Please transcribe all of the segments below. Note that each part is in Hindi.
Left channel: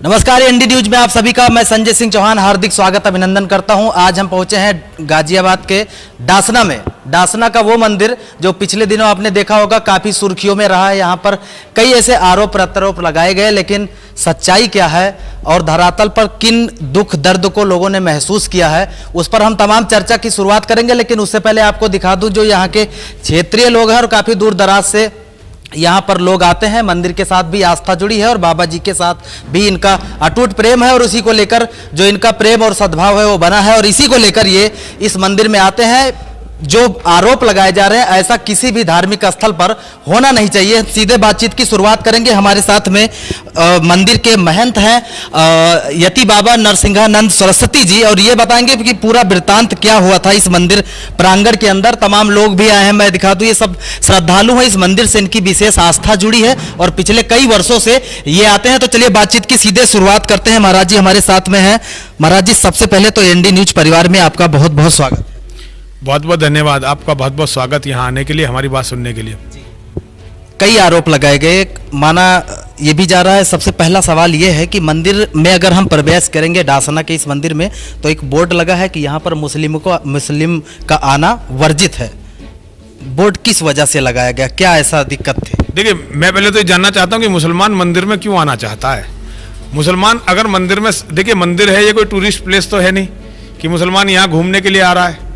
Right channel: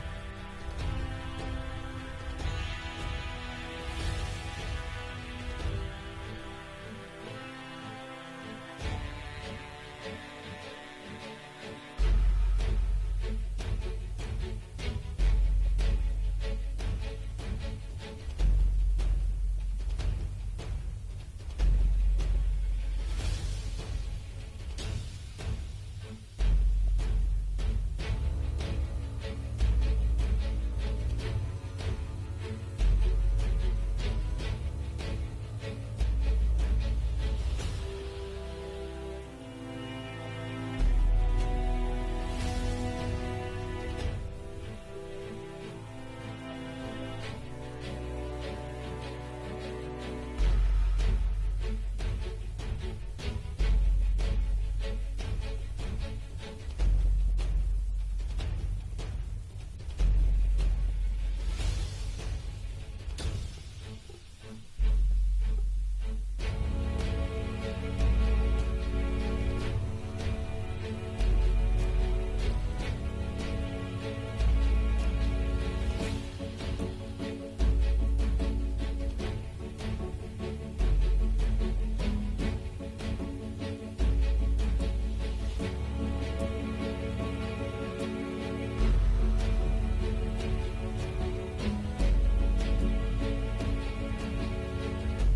नमस्कार, एनडी न्यूज में आप सभी का मैं संजय सिंह चौहान हार्दिक स्वागत अभिनंदन करता हूं। आज हम पहुंचे हैं गाजियाबाद के डासना में। डासना का वो मंदिर जो पिछले दिनों आपने देखा होगा काफी सुर्खियों में रहा है। यहां पर कई ऐसे आरोप प्रत्यारोप लगाए गए, लेकिन सच्चाई क्या है और धरातल पर किन दुख दर्द को लोगों ने महसूस किया है, उस पर हम तमाम चर्चा की शुरुआत करेंगे। लेकिन उससे पहले आपको दिखा दूं जो यहाँ के क्षेत्रीय लोग हैं और काफी दूर दराज से यहाँ पर लोग आते हैं। मंदिर के साथ भी आस्था जुड़ी है और बाबा जी के साथ भी इनका अटूट प्रेम है और उसी को लेकर जो इनका प्रेम और सद्भाव है वो बना है और इसी को लेकर ये इस मंदिर में आते हैं। जो आरोप लगाए जा रहे हैं ऐसा किसी भी धार्मिक स्थल पर होना नहीं चाहिए। सीधे बातचीत की शुरुआत करेंगे। हमारे साथ में मंदिर के महंत हैं यति बाबा नरसिंहानंद सरस्वती जी, और ये बताएंगे कि पूरा वृत्तांत क्या हुआ था इस मंदिर प्रांगण के अंदर। तमाम लोग भी आए हैं, मैं दिखा दूं ये सब श्रद्धालु हैं। इस मंदिर से इनकी विशेष आस्था जुड़ी है और पिछले कई वर्षों से ये आते हैं। तो चलिए बातचीत की सीधे शुरुआत करते हैं। महाराज जी हमारे साथ में हैं। महाराज जी, सबसे पहले तो एनडी न्यूज परिवार में आपका बहुत बहुत स्वागत। बहुत बहुत धन्यवाद, आपका बहुत बहुत स्वागत यहाँ आने के लिए, हमारी बात सुनने के लिए। कई आरोप लगाए गए, माना ये भी जा रहा है। सबसे पहला सवाल ये है कि मंदिर में अगर हम प्रवेश करेंगे डासना के इस मंदिर में तो एक बोर्ड लगा है कि यहाँ पर मुस्लिम का आना वर्जित है। बोर्ड किस वजह से लगाया गया, क्या ऐसा दिक्कत थी? देखिए, मैं पहले तो ये जानना चाहता हूँ कि मुसलमान मंदिर में क्यों आना चाहता है। मुसलमान अगर मंदिर में, देखिए मंदिर है, ये कोई टूरिस्ट प्लेस तो है नहीं कि मुसलमान यहाँ घूमने के लिए आ रहा है।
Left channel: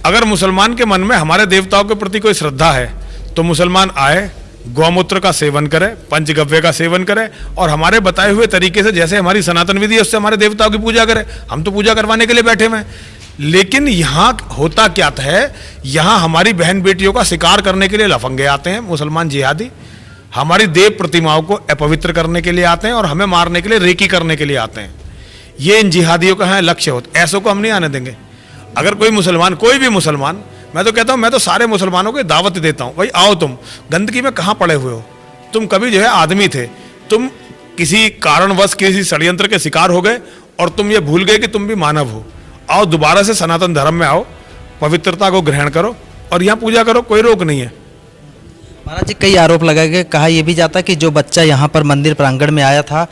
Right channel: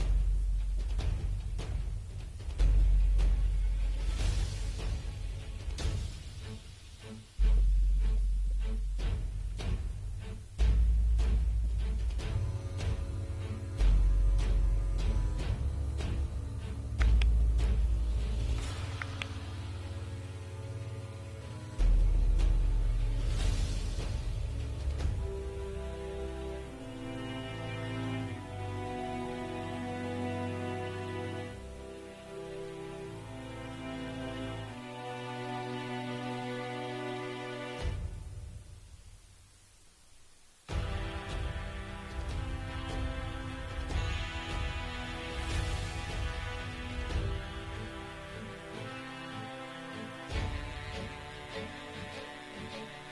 अगर मुसलमान के मन में हमारे देवताओं के प्रति कोई श्रद्धा है तो मुसलमान आए, गौमूत्र का सेवन करे, पंचगव्य का सेवन करे और हमारे बताए हुए तरीके से, जैसे हमारी सनातन विधि है उससे हमारे देवताओं की पूजा करे। हम तो पूजा करवाने के लिए बैठे हुए हैं। लेकिन यहाँ होता क्या है, यहाँ हमारी बहन बेटियों का शिकार करने के लिए लफंगे आते हैं मुसलमान जिहादी। हमारी देव प्रतिमाओं को अपवित्र करने के लिए आते हैं और हमें मारने के लिए रेकी करने के लिए आते हैं। ये इन जिहादियों का है लक्ष्य होता। ऐसों को हम नहीं आने देंगे। अगर कोई मुसलमान, कोई भी मुसलमान, मैं तो कहता हूं, मैं तो सारे मुसलमानों को दावत देता हूं, भाई आओ, तुम गंदगी में कहां पड़े हुए हो। तुम कभी जो है आदमी थे, तुम किसी कारणवश किसी षड्यंत्र के शिकार हो गए और तुम ये भूल गए कि तुम भी मानव हो। आओ दोबारा से सनातन धर्म में आओ, पवित्रता को ग्रहण करो और यहाँ पूजा करो, कोई रोक नहीं है। महाराज जी, कई आरोप लगाए गए। कहा यह भी जाता कि जो बच्चा यहाँ पर मंदिर प्रांगण में आया था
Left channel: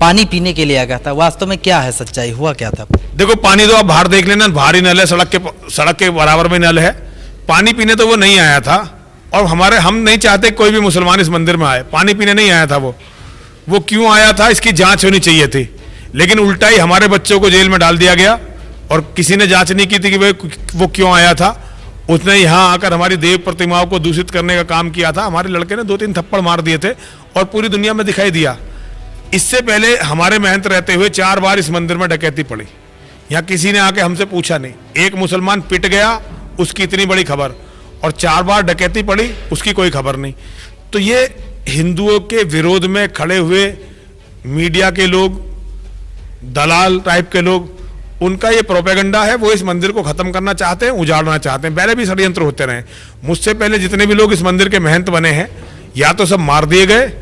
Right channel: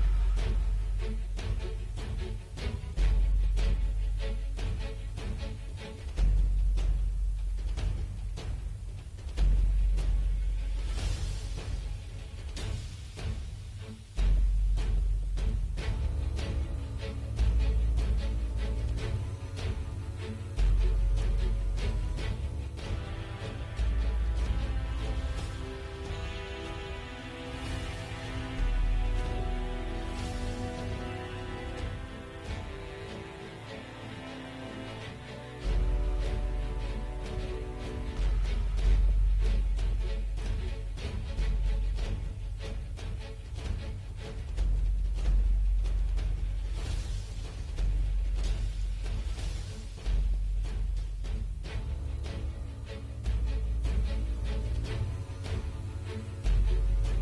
पानी पीने के लिए आ गया था। वास्तव में क्या है, सच्चाई हुआ क्या था? देखो, पानी तो आप बाहर देख लेना, बाहर ही नल है, सड़क के बराबर में नल है। पानी पीने तो वो नहीं आया था और हम नहीं चाहते कोई भी मुसलमान इस मंदिर में आए। पानी पीने नहीं आया था वो क्यों आया था इसकी जांच होनी चाहिए थी। लेकिन उल्टा ही हमारे बच्चों को जेल में डाल दिया गया और किसी ने जांच नहीं की थी कि वो क्यों आया था। उसने यहाँ आकर हमारी देव प्रतिमाओं को दूषित करने का काम किया था। हमारे लड़के ने 2-3 थप्पड़ मार दिए थे और पूरी दुनिया में दिखाई दिया। इससे पहले हमारे महंत रहते हुए 4 बार इस मंदिर में डकैती पड़ी। यहाँ किसी ने आके हमसे पूछा नहीं। एक मुसलमान पिट गया, उसकी इतनी बड़ी खबर, और 4 बार डकैती पड़ी, उसकी कोई खबर नहीं। तो ये हिंदुओं के विरोध में खड़े हुए मीडिया के लोग, दलाल टाइप के लोग, उनका ये प्रोपेगेंडा है। वो इस मंदिर को खत्म करना चाहते हैं, उजाड़ना चाहते हैं। पहले भी षड्यंत्र होते रहे। मुझसे पहले जितने भी लोग इस मंदिर के महंत बने हैं, या तो सब मार दिए गए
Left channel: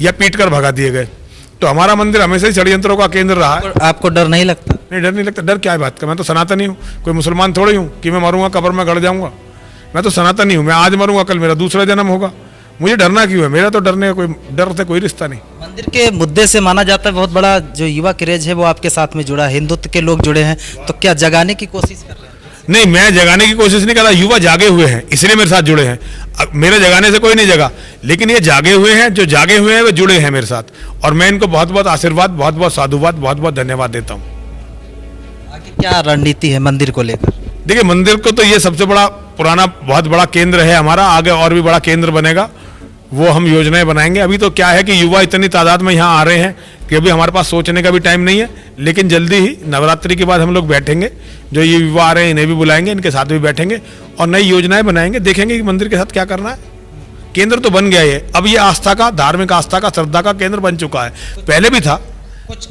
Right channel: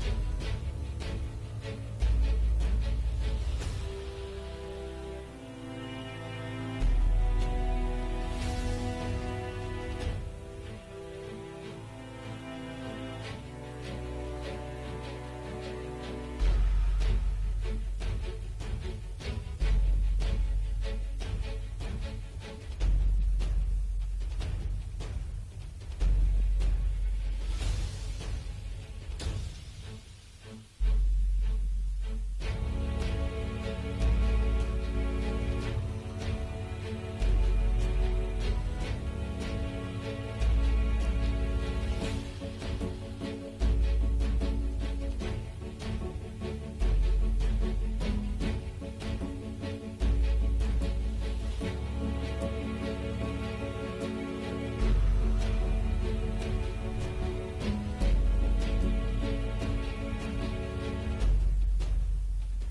या पीट कर भगा दिए गए। तो हमारा मंदिर हमेशा ही षड्यंत्रों का केंद्र रहा है। आपको डर नहीं लगता? नहीं, डर नहीं लगता। डर क्या बात का, मैं तो सनातनी हूँ, कोई मुसलमान थोड़ी हूँ कि मैं मरूंगा कब्र में गड़ जाऊंगा। मैं तो सनातनी हूँ, मैं आज मरूंगा कल मेरा दूसरा जन्म होगा। मुझे डरना क्यों है? मेरा तो डरने का कोई डर से कोई रिश्ता नहीं। मंदिर के मुद्दे से माना जाता है बहुत बड़ा जो युवा क्रेज है वो आपके साथ में जुड़ा है, हिंदुत्व के लोग जुड़े हैं, तो क्या जगाने की कोशिश कर रहे हैं? नहीं, मैं जगाने की कोशिश नहीं कर रहा। युवा जागे हुए हैं इसलिए मेरे साथ जुड़े हैं। मेरे जगाने से कोई नहीं जगा, लेकिन ये जागे हुए हैं, जो जागे हुए हैं वो जुड़े हैं मेरे साथ, और मैं इनको बहुत बहुत आशीर्वाद, बहुत बहुत साधुवाद, बहुत बहुत धन्यवाद देता हूँ। आगे क्या रणनीति है मंदिर को लेकर? देखिए, मंदिर को तो ये सबसे बड़ा पुराना बहुत बड़ा केंद्र है हमारा। आगे और भी बड़ा केंद्र बनेगा, वो हम योजनाएं बनाएंगे। अभी तो क्या है कि युवा इतनी तादाद में यहाँ आ रहे हैं कि अभी हमारे पास सोचने का भी टाइम नहीं है। लेकिन जल्दी ही नवरात्रि के बाद हम लोग बैठेंगे, जो ये युवा आ रहे हैं इन्हें भी बुलाएंगे, इनके साथ भी बैठेंगे और नई योजनाएं बनाएंगे। देखेंगे कि मंदिर के साथ क्या करना है। केंद्र तो बन गया है, अब ये आस्था का, धार्मिक आस्था का, श्रद्धा का केंद्र बन चुका है। पहले भी था। कुछ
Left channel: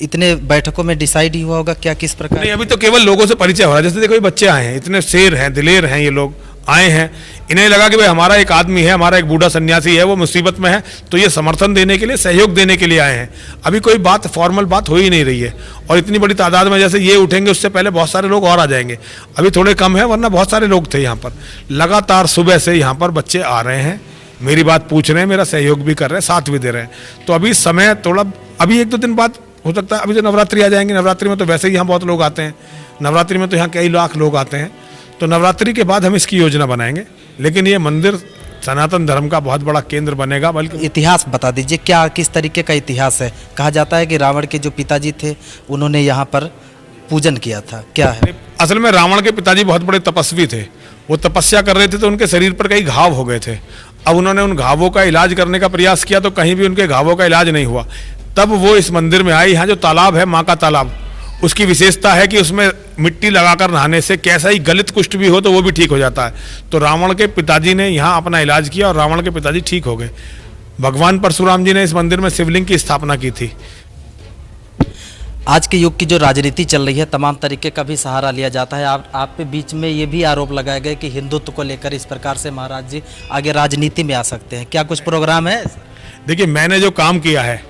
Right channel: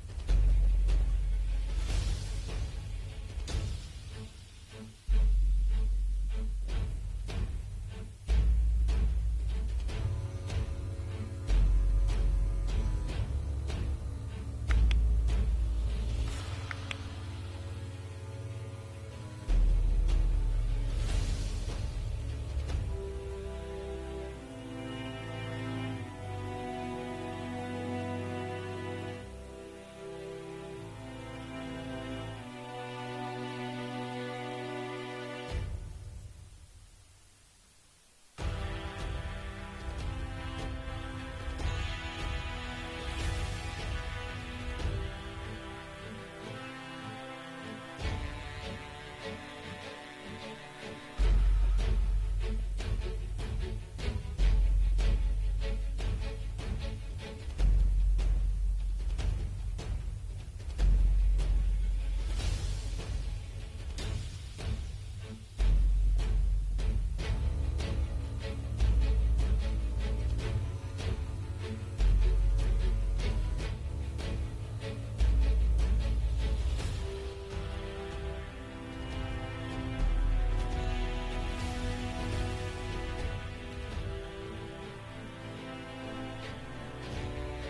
इतने बैठकों में डिसाइड ही हुआ होगा क्या, किस प्रकार? नहीं, अभी तो केवल लोगों से परिचय हो रहा है। जैसे देखो, ये बच्चे आए हैं, इतने शेर हैं, दिलेर हैं, ये लोग आए हैं। इन्हें लगा कि भाई हमारा एक आदमी है, हमारा एक बूढ़ा सन्यासी है, वो मुसीबत में है, तो ये समर्थन देने के लिए, सहयोग देने के लिए आए हैं। अभी कोई बात, फॉर्मल बात हो ही नहीं रही है। और इतनी बड़ी तादाद में जैसे ये उठेंगे, उससे पहले बहुत सारे लोग और आ जाएंगे। अभी थोड़े कम है, वरना बहुत सारे लोग थे यहाँ पर। लगातार सुबह से यहाँ पर बच्चे आ रहे हैं, मेरी बात पूछ रहे हैं, मेरा सहयोग भी कर रहे हैं, साथ भी दे रहे हैं। तो अभी समय थोड़ा अभी 1-2 दिन बाद हो सकता है, अभी तो नवरात्रि आ जाएंगे, नवरात्रि में तो वैसे ही यहाँ बहुत लोग आते हैं, नवरात्रि में तो यहाँ कई लाख लोग आते हैं, तो नवरात्रि के बाद हम इसकी योजना बनाएंगे। लेकिन ये मंदिर सनातन धर्म का बहुत बड़ा केंद्र बनेगा। बल्कि इतिहास बता दीजिए, क्या किस तरीके का इतिहास है? कहा जाता है कि रावण के जो पिताजी थे उन्होंने यहाँ पर पूजन किया था, क्या है? असल में रावण के पिताजी बहुत बड़े तपस्वी थे, वो तपस्या कर रहे थे तो उनके शरीर पर कई घाव हो गए थे। अब उन्होंने उन घावों का इलाज करने का प्रयास किया तो कहीं भी उनके घावों का इलाज नहीं हुआ। तब वो इस मंदिर में आए। यहाँ जो तालाब है, माँ का तालाब, उसकी विशेषता है कि उसमें मिट्टी लगाकर नहाने से कैसा ही गलित कुष्ठ भी हो तो वो भी ठीक हो जाता है। तो रावण के पिताजी ने यहाँ अपना इलाज किया और रावण के पिताजी ठीक हो गए। भगवान परशुराम जी ने इस मंदिर में शिवलिंग की स्थापना की थी। आज के युग की जो राजनीति चल रही है, तमाम तरीके का भी सहारा लिया जाता है। आप पे बीच में ये भी आरोप लगाए गए कि हिंदुत्व को लेकर इस प्रकार से महाराज जी आगे राजनीति में आ सकते हैं, क्या कुछ प्रोग्राम है? देखिए, मैंने जो काम किया है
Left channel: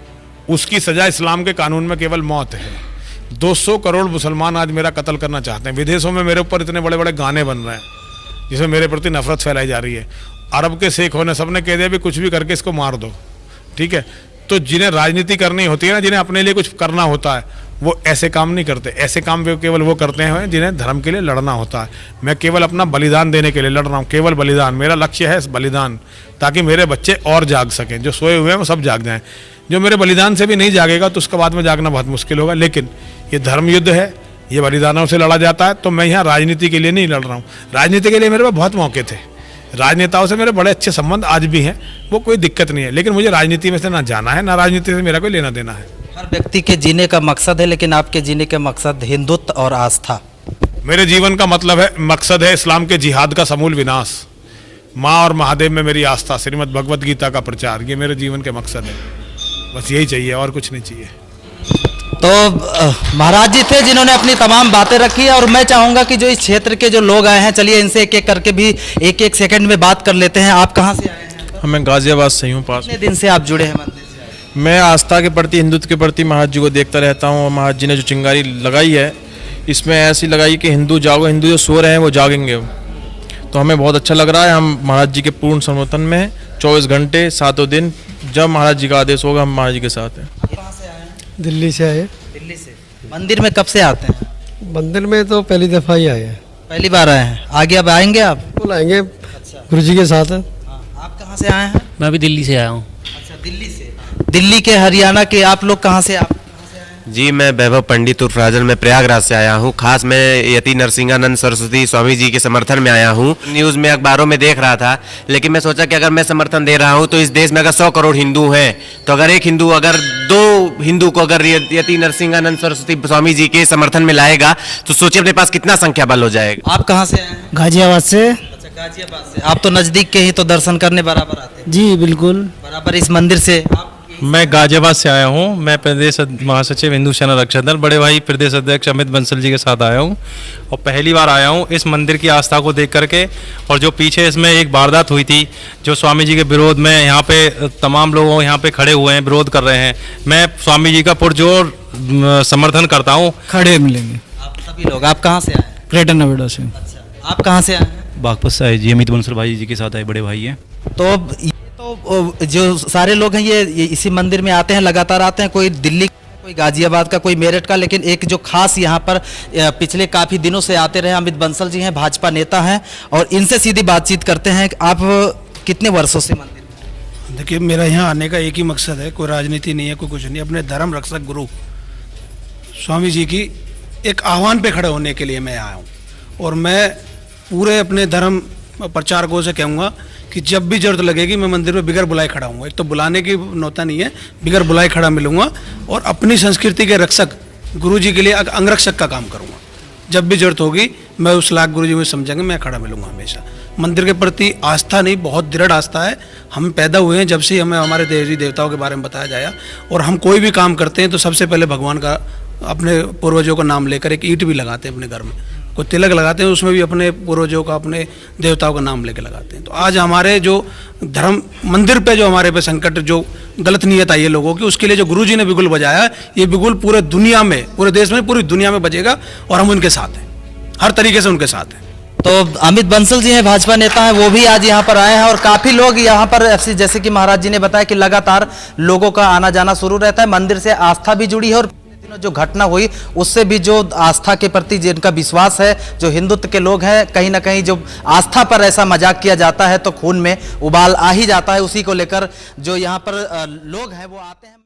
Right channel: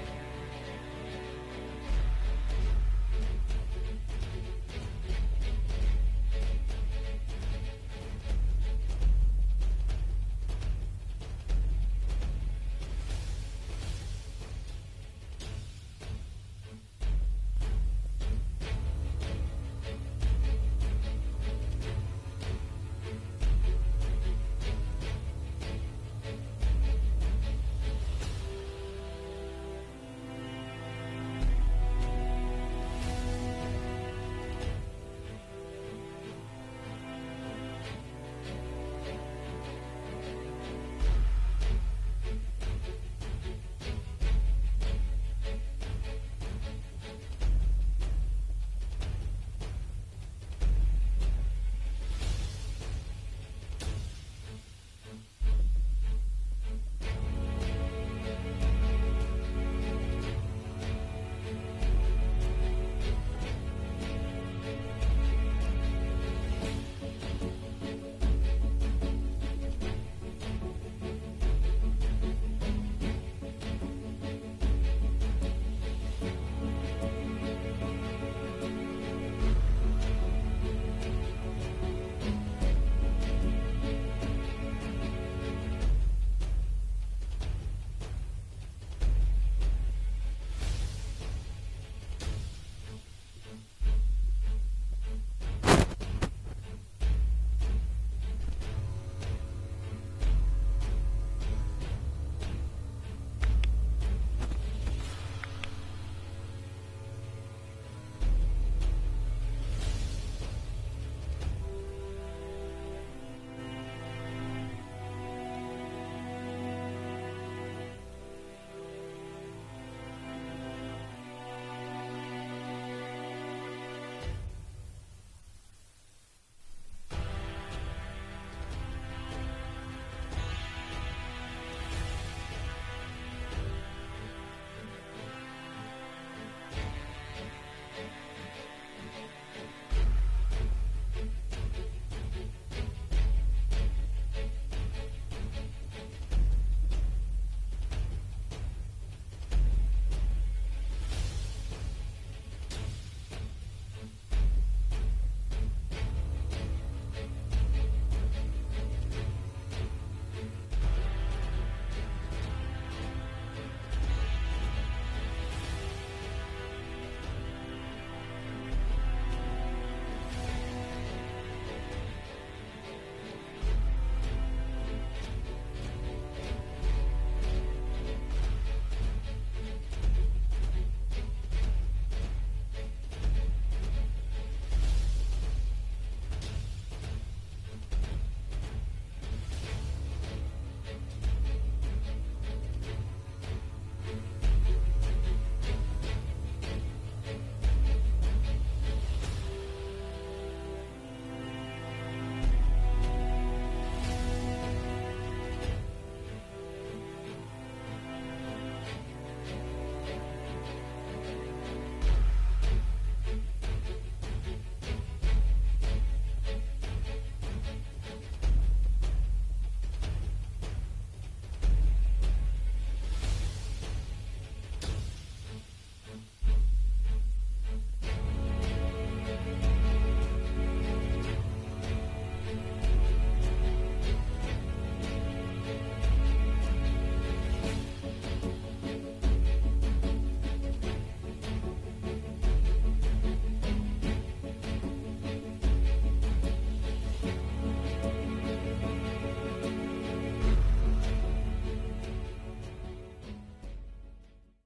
उसकी सजा इस्लाम के कानून में केवल मौत है। 200 करोड़ मुसलमान आज मेरा कत्ल करना चाहते हैं। विदेशों में मेरे ऊपर इतने बड़े बड़े गाने बन रहे हैं जिसमें मेरे प्रति नफरत फैलाई जा रही है। अरब के शेखों ने सबने कह दिया भी कुछ भी करके इसको मार दो, ठीक है। तो जिन्हें राजनीति करनी होती है ना, जिन्हें अपने लिए कुछ करना होता है, वो ऐसे काम नहीं करते। ऐसे काम केवल वो करते हैं जिन्हें धर्म के लिए लड़ना होता है। मैं केवल अपना बलिदान देने के लिए लड़ रहा हूँ, केवल बलिदान। मेरा लक्ष्य है बलिदान, ताकि मेरे बच्चे और जाग सकें। जो सोए हुए हैं वो सब जाग जाएं। जो मेरे बलिदान से भी नहीं जागेगा तो उसके बाद में जागना बहुत मुश्किल होगा। लेकिन ये धर्म युद्ध है, ये बलिदानों से लड़ा जाता है। तो मैं यहाँ राजनीति के लिए नहीं लड़ रहा हूँ। राजनीति के लिए मेरे पास बहुत मौके थे, राजनेताओं से मेरे बड़े अच्छे संबंध आज भी हैं, वो कोई दिक्कत नहीं है। लेकिन मुझे राजनीति में से ना जाना है, ना राजनीति से मेरा कोई लेना देना है। हर व्यक्ति के जीने का मकसद है, लेकिन आपके जीने का मकसद हिंदुत्व और आस्था। मेरे जीवन का मतलब है, मकसद है इस्लाम के जिहाद का समूल विनाश। माँ और महादेव में मेरी आस्था, श्रीमद् भगवत गीता का प्रचार, ये मेरे जीवन के मकसद है। बस यही चाहिए, और कुछ नहीं चाहिए। तो महाराज जी थे जिन्होंने अपनी तमाम बातें रखी, और मैं चाहूंगा कि जो इस क्षेत्र के जो लोग आए हैं, चलिए इनसे एक एक करके भी एक सेकंड में बात कर लेते हैं। आप कहाँ से आए हैं? मैं गाजियाबाद से हूँ पास। कितने दिन से आप जुड़े हैं मंदिर से? मैं आस्था के प्रति, हिंदुत्व के प्रति महाराज जी को देखता रहता हूँ। और महाराज जी ने जो चिंगारी लगाई है, इसमें ऐसी लगाई कि हिंदू जागो, हिंदू जो सो रहे हैं वो जागेंगे। तो हमें बहुत अच्छा लग रहा है। हम महाराज जी के पूर्ण समर्थन में हैं, 24 घंटे 7 दिन। जब महाराज जी का आदेश होगा हम महाराज जी के साथ हैं। कहाँ से आए हैं? दिल्ली से आए। दिल्ली से। मंदिर में कब से आते हैं? मंदिर में तो पहली दफ़ा ही आए हैं। पहली बार आए हैं। आगे अब आएंगे आप? बिल्कुल आएंगे, गुरु जी के साथ। आप कहाँ से आए हैं? मैं भी दिल्ली से आया हूँ। अच्छा, दिल्ली से। दिल्ली के, हरियाणा के आप लोग कहाँ से? आप जी, मैं वैभव पंडित उर्फ राजन, मैं प्रयागराज से आया हूँ। खास मैं यति नरसिंहानंद सरस्वती स्वामी जी के समर्थन में आया हूँ। न्यूज़ में, अखबारों में देख रहा था, लेकिन मैं सोचा कि अगर मैं समर्थन दे रहा हूँ तो इस देश में अगर 100 करोड़ हिंदू हैं, तो अगर एक हिंदू, अगर 2 हिंदू को अगर यति नरसिंहानंद सरस्वती स्वामी जी के समर्थन में लाएगा तो सोचिए अपने पास कितना संख्या बल हो जाएगा। आप कहाँ से आए हैं? गाजियाबाद से। अच्छा, गाजियाबाद से। आप तो नजदीक के ही तो दर्शन करने बराबर आते हैं। जी बिल्कुल। बराबर इस मंदिर से। आप मैं गाजियाबाद से आया हूँ। मैं प्रदेश महासचिव हिंदू सेना रक्षक दल, बड़े भाई प्रदेश अध्यक्ष अमित बंसल जी के साथ आया हूँ, और पहली बार आया हूँ इस मंदिर की आस्था को देख करके। और जो पीछे इसमें एक वारदात हुई थी, जो स्वामी जी के विरोध में, यहाँ पे तमाम लोग यहाँ पे खड़े हुए हैं, विरोध कर रहे हैं। मैं स्वामी जी का पुरजोर समर्थन करता हूँ। खड़े मिलेंगे आप सभी लोग। आप कहाँ से आए हैं? ग्रेटर नोएडा से। अच्छा, आप कहाँ से आए हैं? बागपत से आए जी, अमित बंसल भाई जी के साथ आए, बड़े भाई हैं। तो जो सारे लोग हैं ये इसी मंदिर में आते हैं, लगातार आते हैं। कोई दिल्ली, कोई गाजियाबाद का, कोई मेरठ का, लेकिन एक जो खास यहाँ पर पिछले काफ़ी दिनों से आते रहे अमित बंसल जी हैं, भाजपा नेता हैं, और इनसे सीधी बातचीत करते हैं। आप कितने वर्षों से मंदिर? देखिए, मेरा यहाँ आने का एक ही मकसद है, कोई राजनीति नहीं है, कोई कुछ नहीं। अपने धर्म रक्षक गुरु स्वामी जी की एक आह्वान पे खड़े होने के लिए मैं आया हूँ। और मैं पूरे अपने धर्म प्रचारकों से कहूँगा कि जब भी जरूरत लगेगी मैं मंदिर में बिगर बुलाए खड़ा हूँ। एक तो बुलाने की नौता नहीं है, बिगर बुलाए खड़ा मिलूंगा, और अपनी संस्कृति के रक्षक गुरु जी के लिए अंगरक्षक का काम करूँगा। जब भी जरूरत होगी मैं उस लाख गुरु जी में समझेंगे, मैं खड़ा मिलूंगा हमेशा। मंदिर के प्रति आस्था नहीं, बहुत दृढ़ आस्था है। हम पैदा हुए हैं जब से हमें हमारे देवी देवताओं के बारे में बताया जाया, और हम कोई भी काम करते हैं तो सबसे पहले भगवान का, अपने पूर्वजों का नाम लेकर एक ईंट भी लगाते हैं अपने घर में, कोई तिलक लगाते हैं उसमें भी अपने पूर्वजों का, अपने देवताओं का नाम लेके लगाते हैं। तो आज हमारे जो धर्म मंदिर पे जो हमारे पे संकट, जो गलत नीयत आई है लोगों की, उसके लिए जो गुरुजी ने बिगुल बजाया, ये बिगुल पूरे दुनिया में, पूरे देश में, पूरी दुनिया में बजेगा, और हम उनके साथ हैं, हर तरीके से उनके साथ हैं। तो अमित बंसल जी हैं, भाजपा नेता हैं, वो भी आज यहाँ पर आए हैं और काफी लोग यहाँ पर जैसे कि महाराज जी ने बताया कि लगातार लोगों का आना जाना शुरू रहता है। मंदिर से आस्था भी जुड़ी है और जो घटना हुई उससे भी जो आस्था के प्रति जिनका विश्वास है, जो हिंदुत्व के लोग हैं, कहीं ना कहीं जो आस्था पर ऐसा मजाक किया जाता है तो खून में उबाल आ ही जाता है। उसी को लेकर जो यहाँ पर लोग हैं वो आते हैं।